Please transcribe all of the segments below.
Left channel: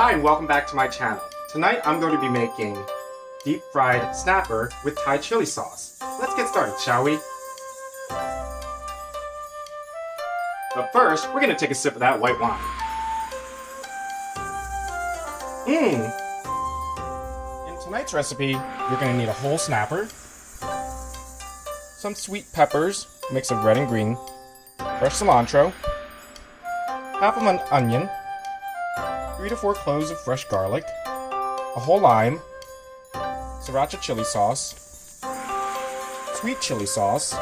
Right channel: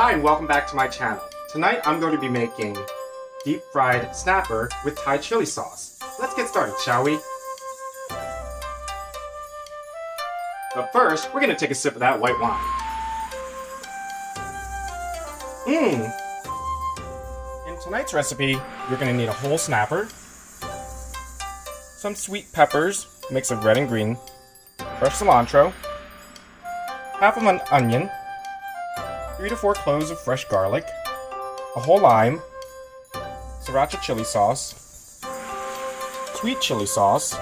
Hi and welcome back to my channel. Tonight I'm going to be making deep fried snapper with Thai chili sauce. Let's get started, shall we? But first, we're going to take a sip of that white wine. In tonight's recipe, you're going to need a whole snapper, some sweet peppers, mix of red and green, fresh cilantro, half of an onion, 3 to 4 cloves of fresh garlic, a whole lime, sriracha chili sauce, sweet chili sauce,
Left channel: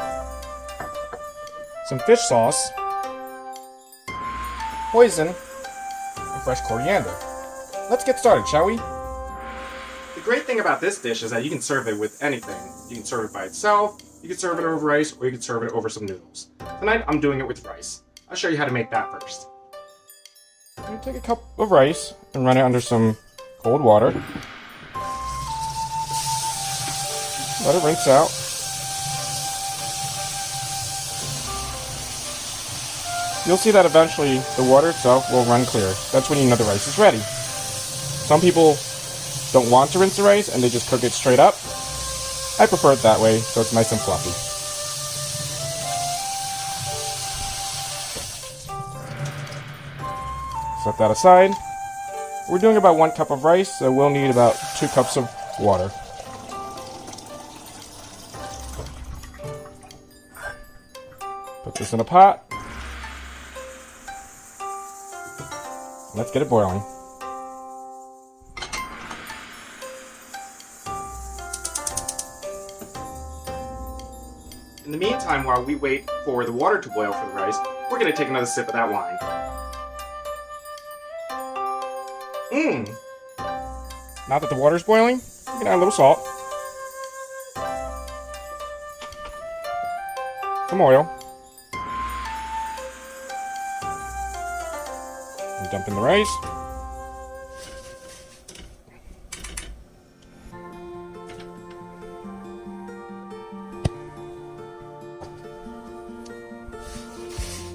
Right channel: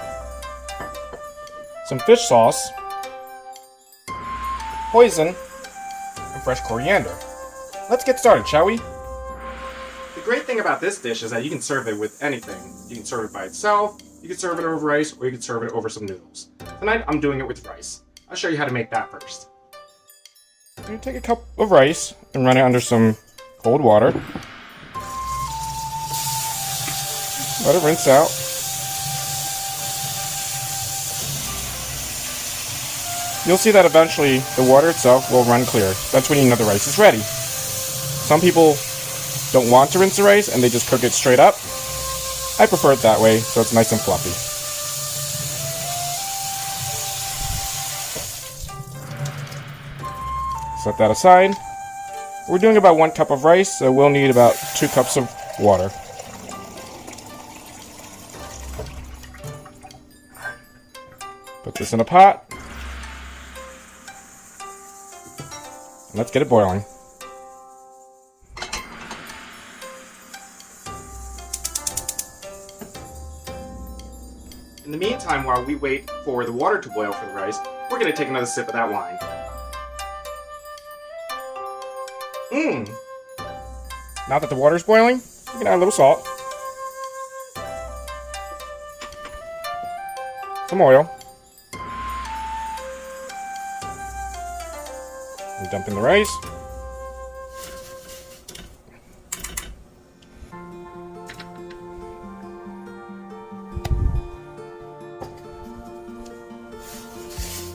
some fish sauce, hoisin, and fresh coriander. Let's get started, shall we? The great thing about this dish is that you can serve it with anything. You can serve it by itself, you can serve it over rice, or you can serve it over some noodles. Tonight I'm doing it with rice. I'll show you how to make that first. I'm going to take a cup of rice and run it under some cold water. Let it rinse out. You'll see that eventually the water itself will run clear. That's when you know the rice is ready. Some people don't want to rinse the rice and they just cook it straight up. I prefer it that way, so it's nice and fluffy. Set that aside. We're doing about 1 cup of rice, so we'll need about 2 cups of water. Put this in a pot. Let's get it boiling. In the meantime, while we wait for the water to boil for the rice, we're going to take another sip of that wine. Now that the water's boiling, we can add a little salt, some oil, dump in the rice,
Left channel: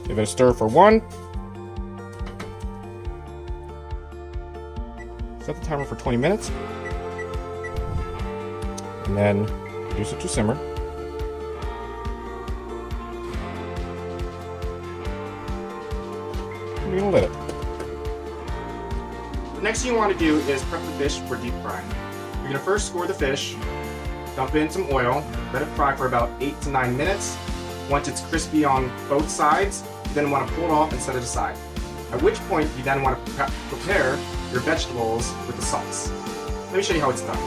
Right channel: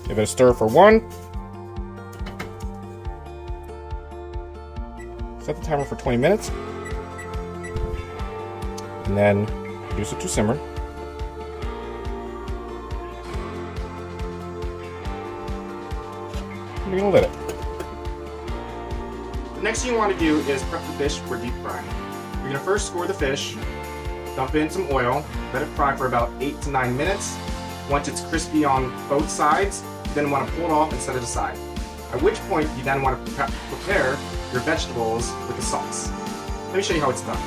give it a stir for 1. Set the timer for 20 minutes, and then reduce it to simmer. And you're gonna let it. The next thing you want to do is prep the fish for deep frying. You're gonna first score the fish, dump in some oil, let it fry for about 8 to 9 minutes. Once it's crispy on both sides, you then want to pull it off and set it aside. At which point, you then want to prepare your vegetables with the sauce. Let me show you how it's done.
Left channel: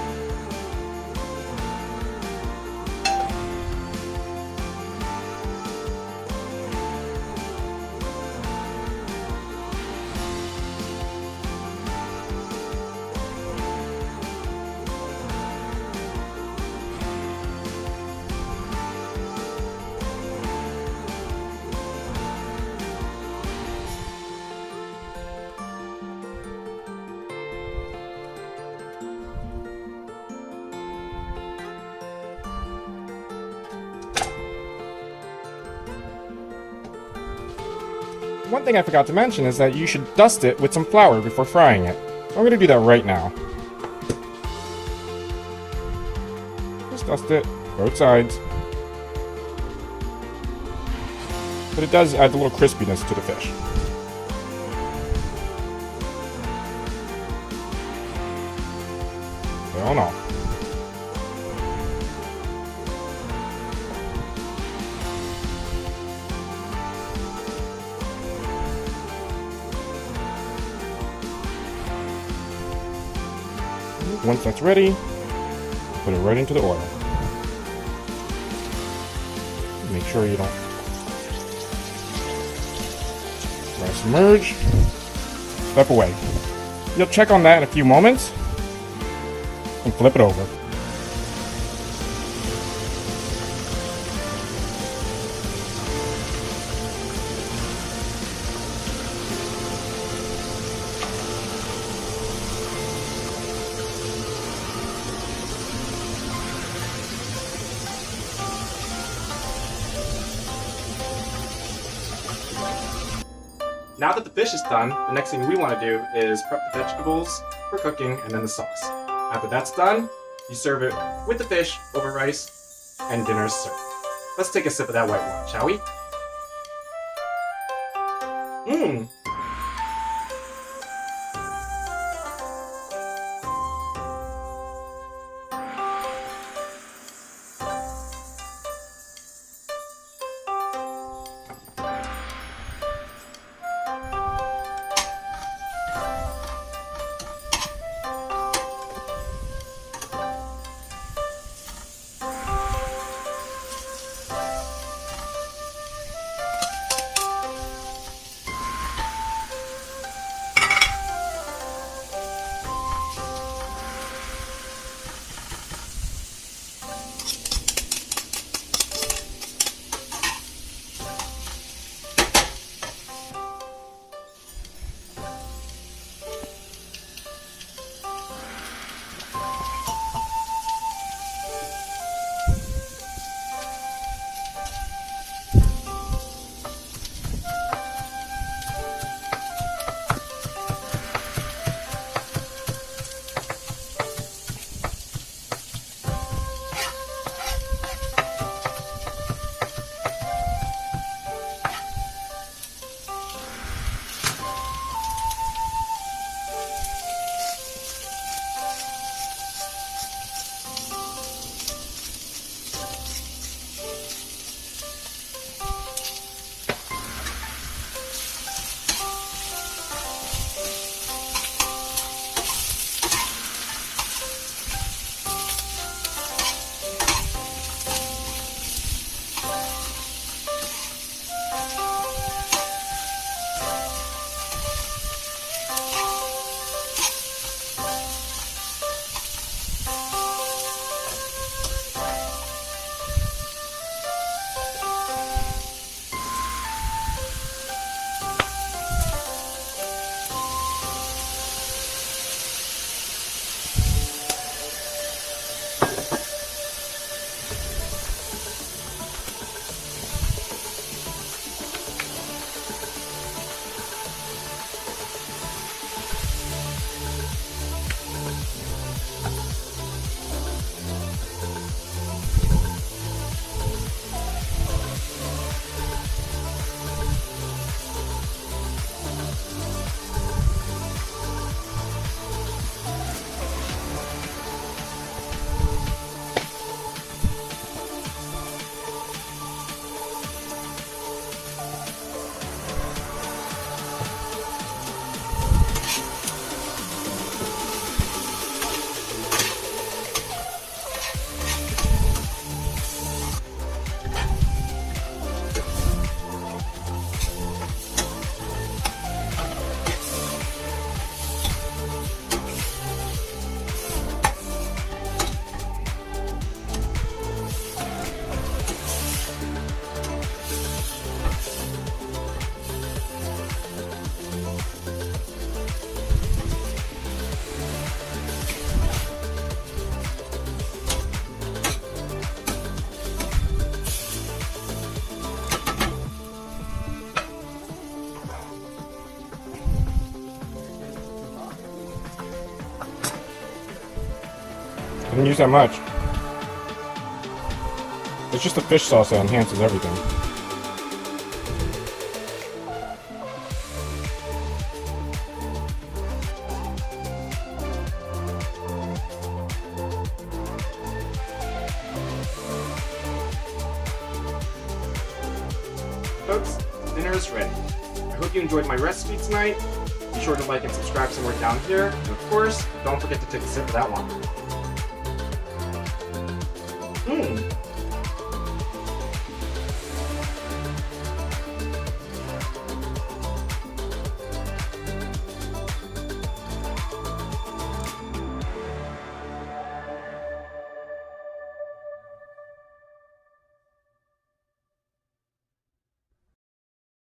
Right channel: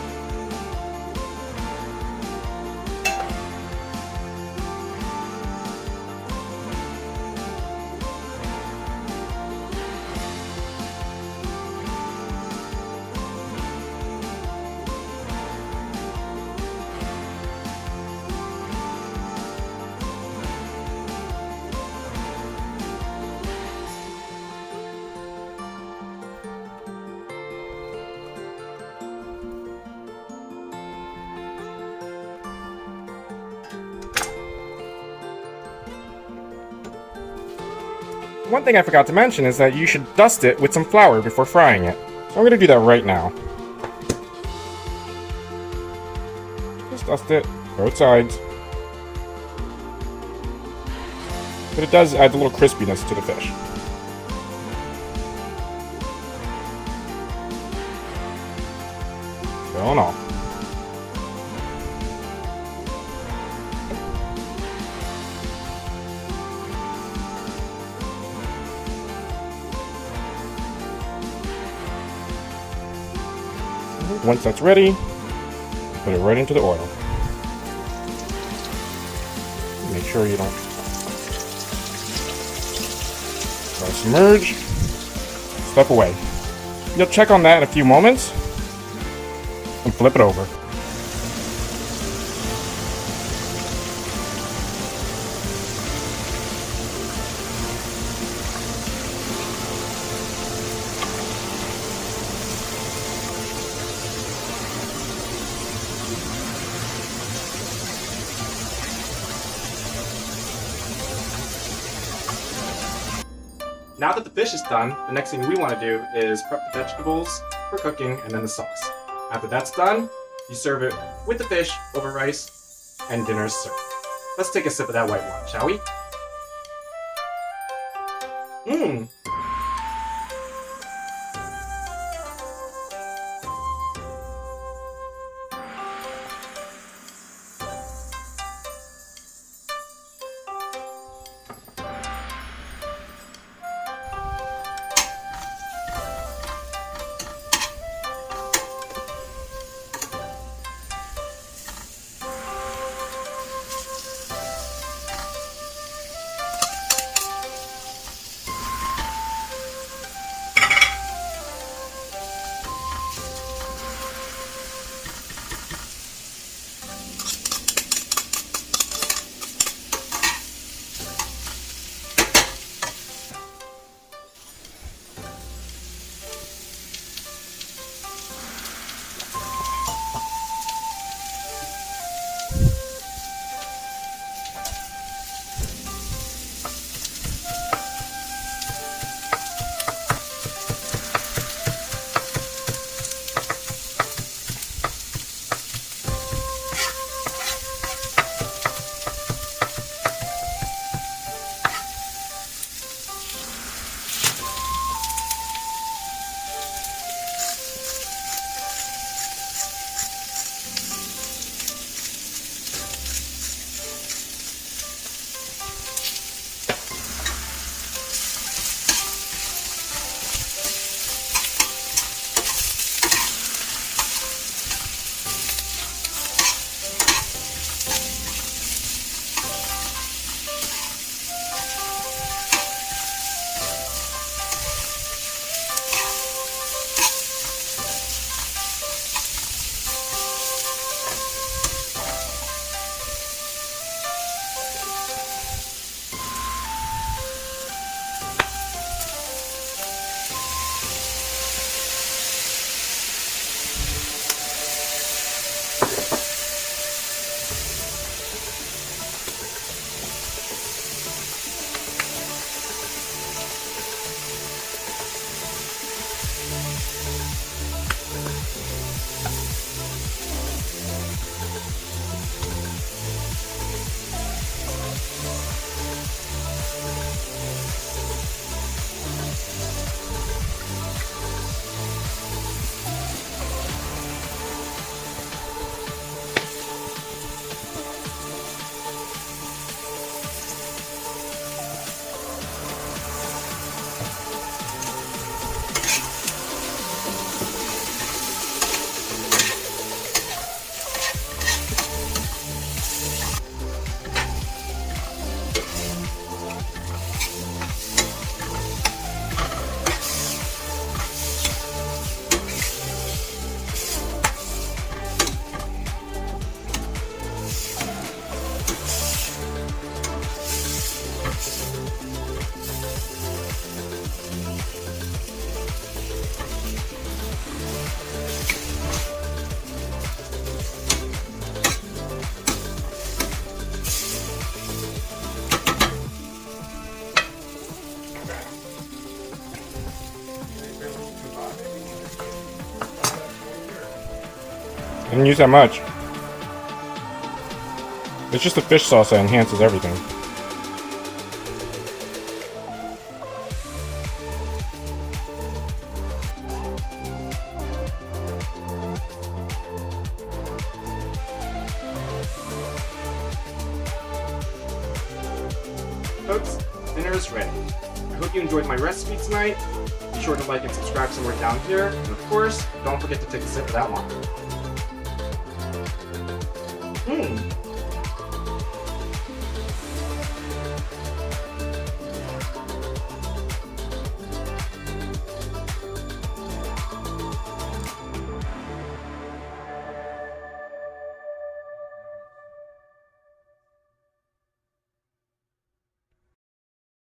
One thing I forgot to mention is that you should dust it with some flour before frying it. So I'm going to do that right now. Just dust it, both sides. But it does add a little crispiness to the fish. Oh no. Once that's ready, put it right into the oil. Make sure you don't submerge. Step away. You'll check on that in a few moments and flip it over. Now that the fish is done, the next thing we want to do is prep the vegetables for cooking and then the sauce. After that's done, you serve it with the fish over rice, and dinner is served. Let's take a sip of that white wine, shall we? Mmm. I didn't use that much. It's just the fish sauce that enhances everything. Folks, dinner is ready. I hope you enjoyed my recipe tonight. Be sure to like and subscribe somewhere down here. And of course, don't forget to take a sip of that wine. Mmm.